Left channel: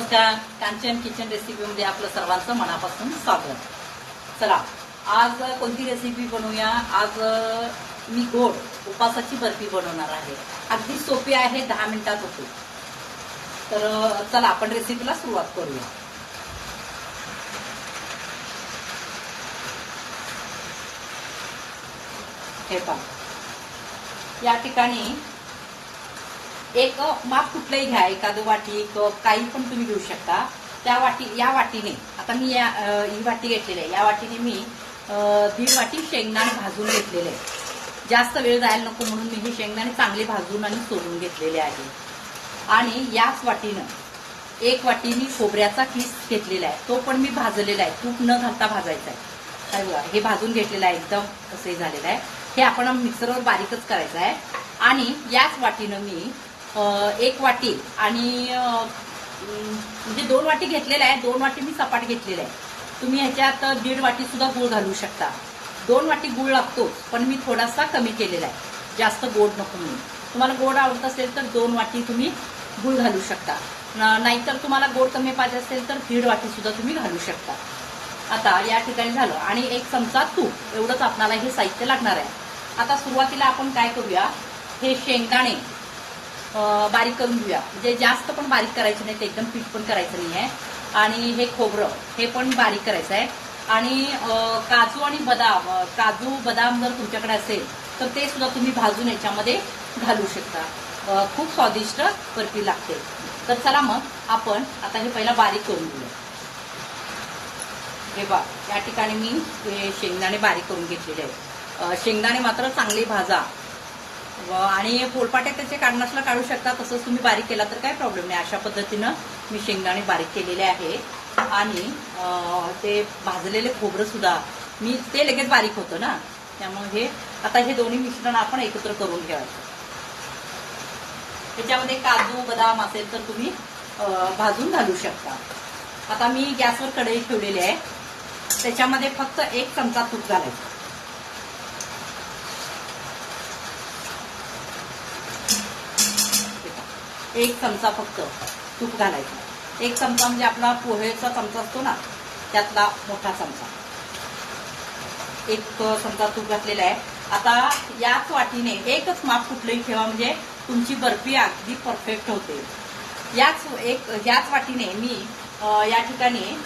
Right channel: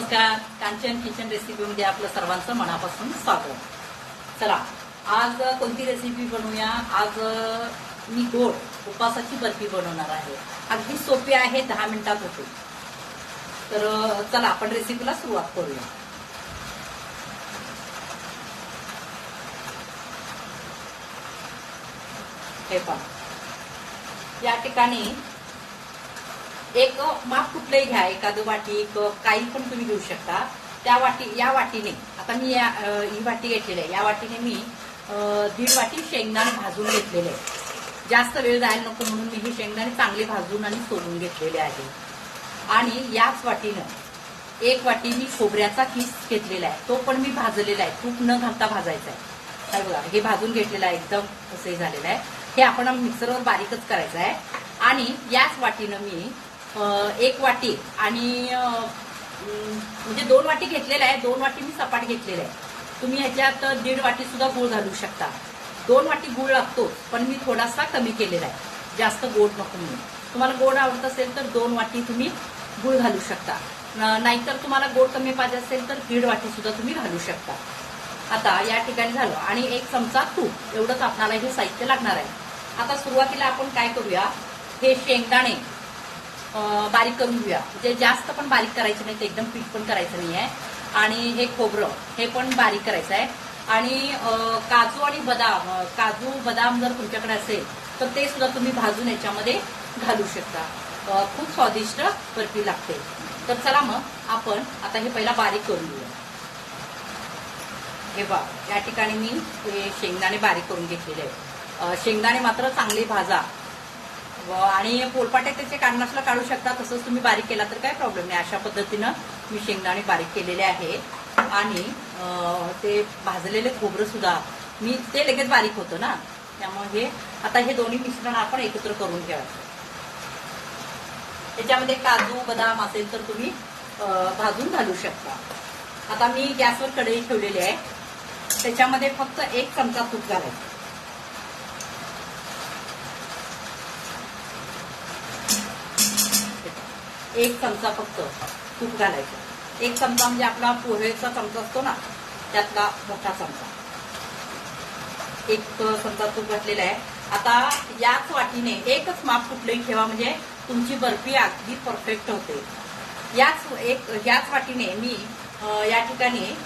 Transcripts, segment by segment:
नमस्कार. कांचन किचन रेसिपीमध्ये आपलं सर्वांचं मनापासून स्वागत. चला आज कोणती रेसिपी बनवूया? आज मी गोड उपासाची बर्फी बनवणार आहे. अगदी सोपी आहे दहा मिनिटात होते. तर चला आपण रेसिपीला सुरुवात करूया. हे पहा. या ठिकाणी एक माप कुठलंही घ्या एखादं वाटी कप काही पण तुम्ही घेऊ शकता. त्या वाटी या वाटीने आता मी या ही वाटी घेतलेली आहे. या वाटीने मी दीड वाटी शेंगदाणे भाजून घेतलेले आहे जास्त वेळ जायला नको म्हणून मी हे शेंगदाणे चांगले भाजून आणि सोडून घेतलेले आहे. आणि याच वाटीनं एक वाटी मी खोबऱ्याचा किस घेतलेला आहे. तो पण मी भाजलेला आहे. तूप न घालता भाजायचा आहे. काय बघा हे भाजून घेतलेलं आहे. एकदम असं झालेलं आहे. हे आपण मिक्सरवर बारीकच करायचं आहे. आणि याच वाटीनं मी एक वाटी आणि म्हणजे दोन वाटी घेतलेला आहे दोन वाटी मी सपाट घेतलेला आहे तुम्ही ह्याच्यात दीड वाटी सुद्धा गूळ घालू शकता. दोन वाटी गूळ लागतो पण मी थोडासा कमी केलेला आहे. जास्त गोड नको म्हणून. तुम्हाला गोड आवडत असेल तर दोन वाटी तुम्ही गूळ घालू शकता. नाहीतर तुम्हाला गोड कमी पाहिजे असेल तर दीड वाटी सुद्धा तुम्ही घालू शकता. आता या ठिकाणी झालं. आणि एक चमचा तूप. एवढंच आपणाला हे साहित्य लागणार आहे. आता सुरुवातीला आपण काय करूया? हे शेंगदाणे. बारीक करून घेऊया. म्हणजे जास्त पण बारीक करायचं नाही ते एकदम पीठ पण करायचं नाही आहे आणि हे खोबरं हे पण बारीक करायचं आहे. आणि काजू आणि बदाम काजू बदाम जर तुमच्याकडे असेल तर ते सुद्धा तुम्ही भाजून याच्यामध्ये घालू शकता. खूप स्वादिष्ट बर्फी लागते. तर चला मग आपण आता हे पहिला बारीक करून घेऊया. हे बा या ठिकाणी मी हे शेंगदाणे बारीक करून घेतलेले आहे शेंगदाणे मात्र चांगले भाजा. आणि पोलपाट्या त्याचे काढण्यासला काढू शकता तसंच तुम्ही बारीक केला तर काय प्रॉब्लेम नाही. अशा पद्धतीनं मी शेंगदाणे बारीक केलेले आहे. आणि ते भाजलेले खोबरं सुद्धा मी ते लगेच बारीक होतं ना. त्यामुळे हे आता हे दोन्ही मिश्रण आपण एकत्र करून घ्यायचं त्याच्यामध्ये काजू बदाम असेल तर तुम्ही भाजून घालू शकता. आता मी गॅसवर कढई ठेवलेली आहे. त्याच्यामध्ये फक्त एक चमचा तूप घालायचं. एक चमचा फक्त तूप घालायचं. एक चमचा म्हणजे आपला पोहेचा चमचा असतो ना त्यातला मोठा चमचा. एक चमचा तूप घातलेला आहे. आता याच वाटीने एकच माप कुठलंही ठेवा म्हणजे तुमची बर्फी अगदी परफेक्ट होते. याच एक याच वाटीने मी या ठिकाणी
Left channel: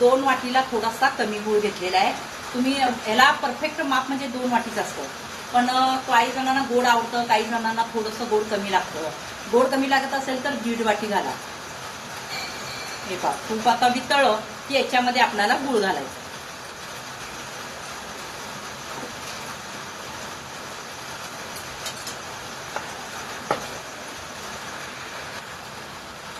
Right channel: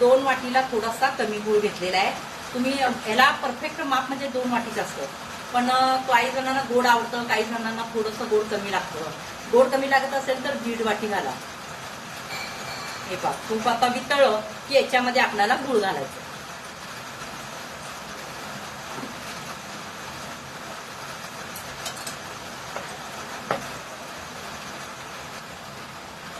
दोन वाटीला थोडासा कमी गुळ घेतलेला आहे. तुम्ही ह्याला परफेक्ट माप म्हणजे दोन वाटीच असतं. पण काही जणांना गोड आवडतं काही जणांना थोडंसं गोड कमी लागतं. गोड कमी लागत असेल तर दीड वाटी घाला. हे पा तूप आता वितळलं की याच्यामध्ये आपल्याला गुळ घालायचं.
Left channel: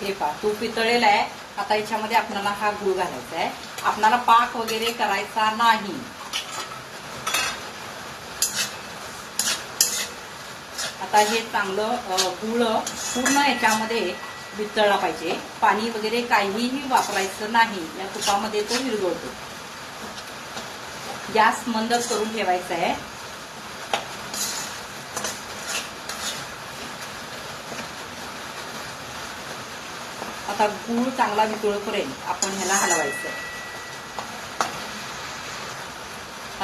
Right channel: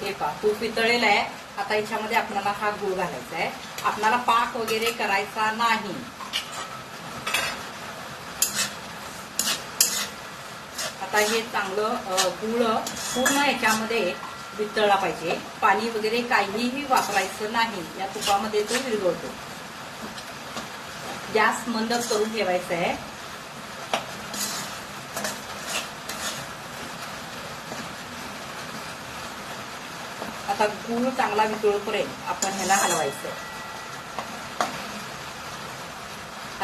हे पा तूप वितळलेलं आहे. आता याच्यामध्ये आपल्याला हा गुळ घालायचा आहे. आपल्याला पाक वगैरे करायचा नाही. आता हे चांगलं गुळ पूर्ण याच्यामध्ये वितळला पाहिजे. पाणी वगैरे काहीही वापरायचं नाही. या तुपामध्ये तो विरघळतो. गॅस मंद करून ठेवायचा आहे. आता गूळ चांगला वितळपर्यंत आपण ह्याला हलवायचं.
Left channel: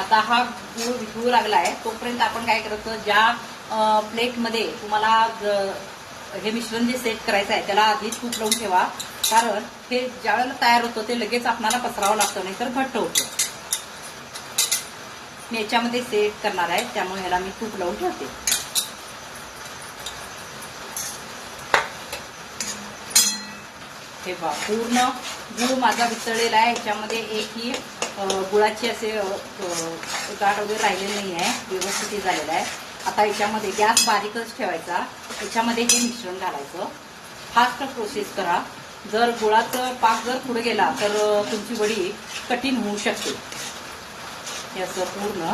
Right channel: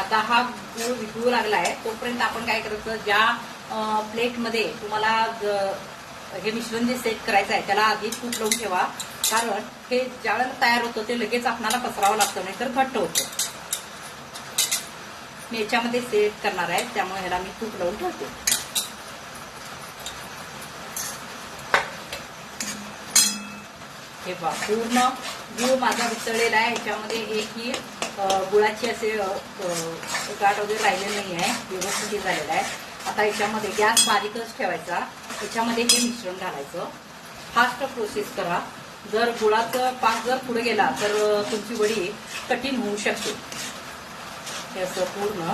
आता हा गूळ वितळू लागलाय तोपर्यंत आपण काय करायचं? ज्या प्लेटमध्ये तुम्हाला हे मिश्रण जे सेट करायचं आहे त्याला आधी तूप लावून ठेवा. कारण हे ज्या वेळेला तयार होतं ते लगेच आपल्याला पसरावं लागतं नाही तर घट्ट होतं. मी याच्यामध्ये सेट करणार आहे त्यामुळे ह्याला मी तूप लावून ठेवते. हे बा पूर्ण गुळ माझा वितळलेला आहे. याच्यामध्ये एकही गुळाची असे गाठ वगैरे राहिलेली नाही आहे व्यवस्थित झालेला आहे. आता याच्यामध्ये गॅस बारीकच ठेवायचा. याच्यामध्ये हे मिश्रण घालायचं. फास्ट प्रोसेस करा. जर गुळाचं पाक जर पुढे गेला तर तुमची वडी कठीण होऊ शकते. हे असं पूर्ण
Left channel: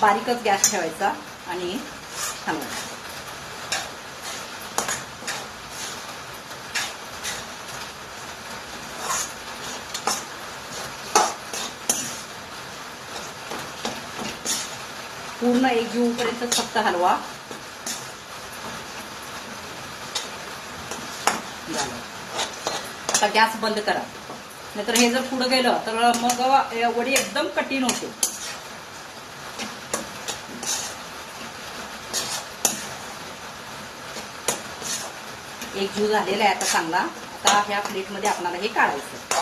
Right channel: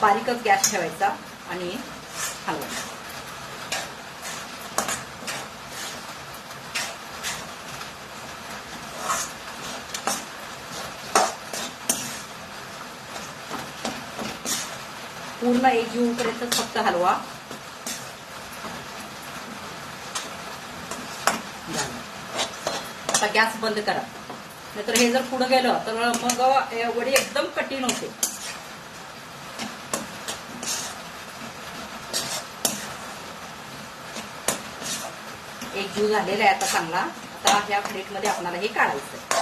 बारीकच गॅस ठेवायचा आणि हलवायचा पूर्ण एक जीवपर्यंत फक्त हलवा. आता गॅस बंद करा. नाहीतर हे जर पुढे गेलं तर मग वडी एकदम कठीण होते. एक जीव झालेला आहे आता चांगला. आता ह्या प्लेटमध्ये आपल्याला हे काढायचं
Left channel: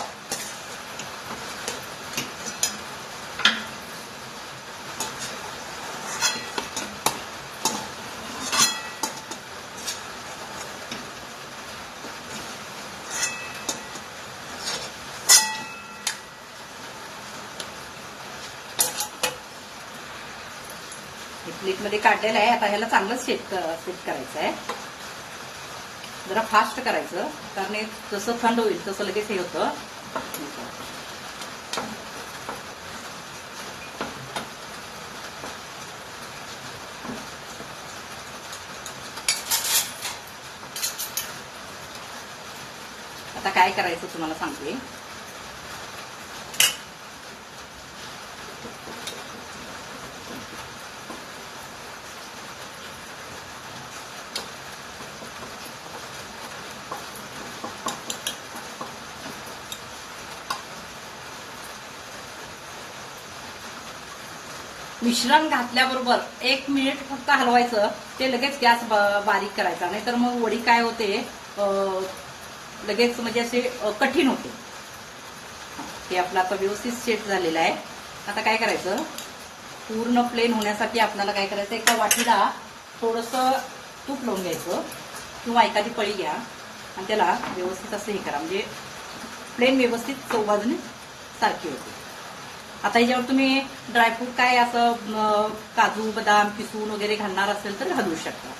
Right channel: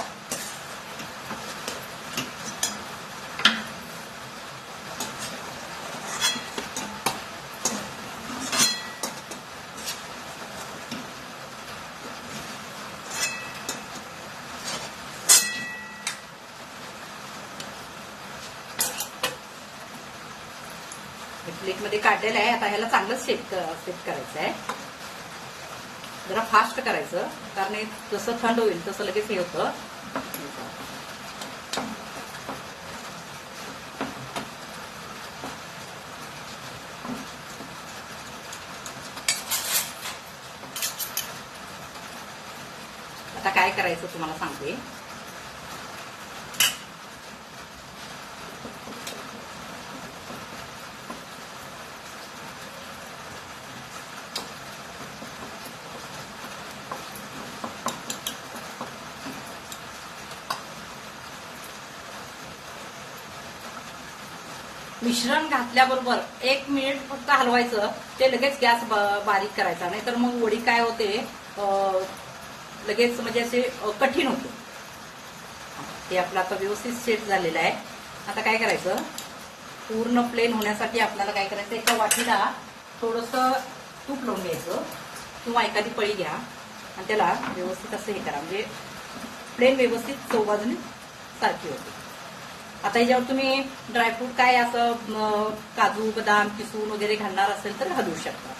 प्लेटमध्ये काढलेलं आहे. आता ह्याला चांगलं सेट सेट करायचं आहे. जरा फास्ट करायचं. कारण जसं थंड होईल तसं लगेच हे होतं. आता काय करायचं तुम्हाला सांगते. मिश्रण घातल्याबरोबर एक मिनिट फक्त हलवायचं ते लगेच गॅस ब- बारीक करायचा. नाही तर मग वडी काय होते लगेच म्हणजे असे कठीण होते. हे आपलं आता व्यवस्थित सेट झालेलं आहे. आता काय करायचं पूर्ण प्लेन होण्यासाठी आपल्याला काय करायचं एका वाटीला थोडस तूप लावून घ्यायचं किंवा एखादी पळी घ्या आणि त्याला व्यवस्थित असं हे करा. म्हणजे प्लेन व्यवस्थित चौबाजून सारखी होते. आता याच्यावर तुम्ही ड्रायफ्रूट काय असं काजू बदाम किसून वगैरे घालणार असेल तर घालू शकता.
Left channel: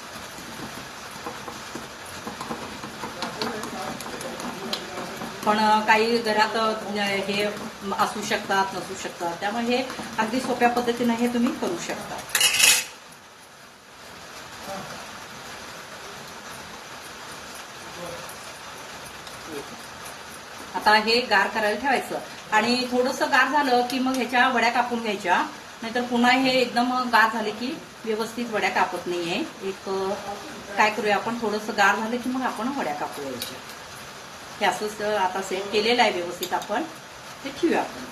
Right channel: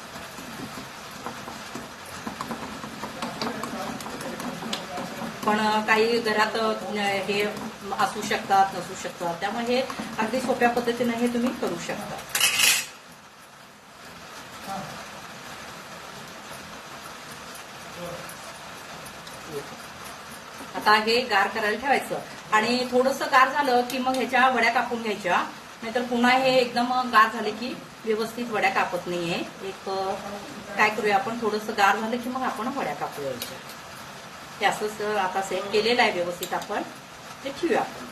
पण काही घरात हे असू शकतात नसू शकतात. त्यामुळे हे अगदी सोप्या पद्धतीने हे तुम्ही करू शकता. आता हे गार करायला ठेवायचं. आणि थोडंसं गार झालं की मग ह्याच्या वड्या कापून घ्यायच्या. नाहीतर पुन्हा हे एकदम गार झाले की व्यवस्थित वड्या कापत नाहीये. एक काय करूया आपण? थोडंसं गार झालं की मग आपण वड्या कापू यायच्या हे असंच आता सेट केलेलं आहे व्यवस्थित आपण. ते ठेवूया आपण.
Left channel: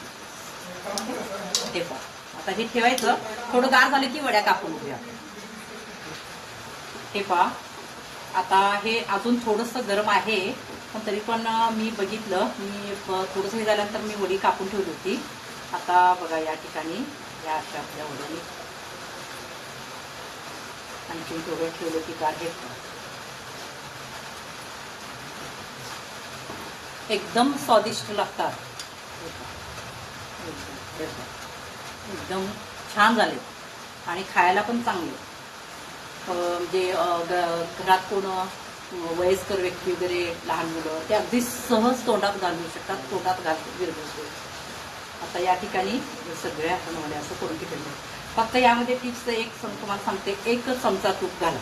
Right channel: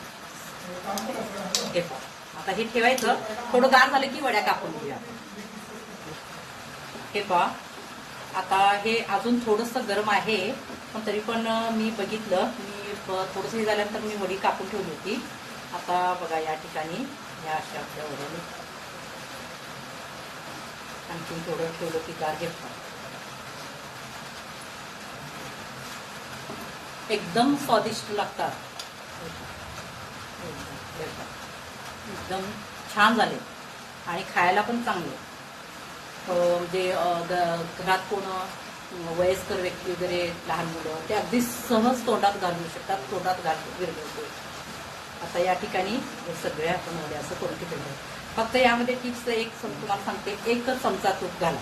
हे पहा. आता हे ठेवायचं. थोडं गार झालं की वड्या कापून घेऊया आपण. हे पहा. आता हे अजून थोडंसं गरम आहे. पण तरी पण मी बघितलं. मी थोडंसं हे झाल्यानंतर मी वडी कापून ठेवली होती. आता बघा या ठिकाणी या अशा आपल्या वड्याने आणखीन थोडं ठेवलं की गार एकदम स्वादिष्ट लागतात. एकदम छान झाले. आणि खायला पण चांगले. म्हणजे घरात कोण वयस्कर व्यक्ती वगैरे लहान मुलं ते अगदी सहज तोंडात घालू शकतात तोंडात घाल विरघळते आता या ठिकाणी सगळे आपण असं करून ठेवले फक्त यामध्ये टिप्स एक तुम्हाला सांगते एकच चमचा तूप घाला.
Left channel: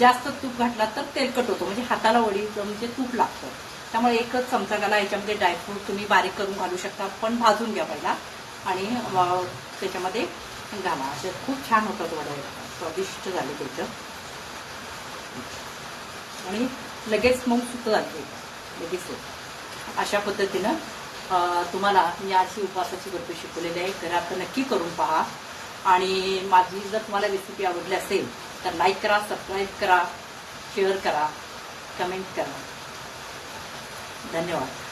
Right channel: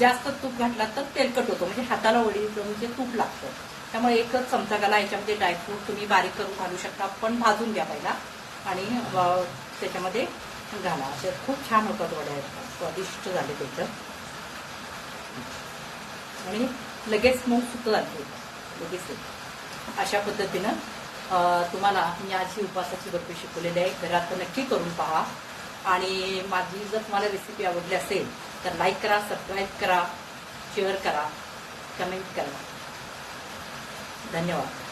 जास्त तूप घातला तर तेलकट होतो म्हणजे हाताला वडी म्हणजे तूप लागतं. त्यामुळे एकच चमचा घाला याच्यामध्ये ड्रायफ्रूट तुम्ही बारीक करून घालू शकता पण भाजून घ्या पहिला. आणि त्याच्यामध्ये घाला. असे खूप छान होतात वड्या स्वादिष्ट झाले त्याचं आणि लगेच मग सुत जाते लगेच अशा पद्धतीनं तुम्हाला मी आज ही उपवासाची बर्फी शिकवलेली आहे. घरात नक्की करून पहा. आणि माझी जर तुम्हाला रेसिपी आवडली असेल तर लाईक करा सबस्क्राईब करा शेअर करा कमेंट करा. धन्यवाद.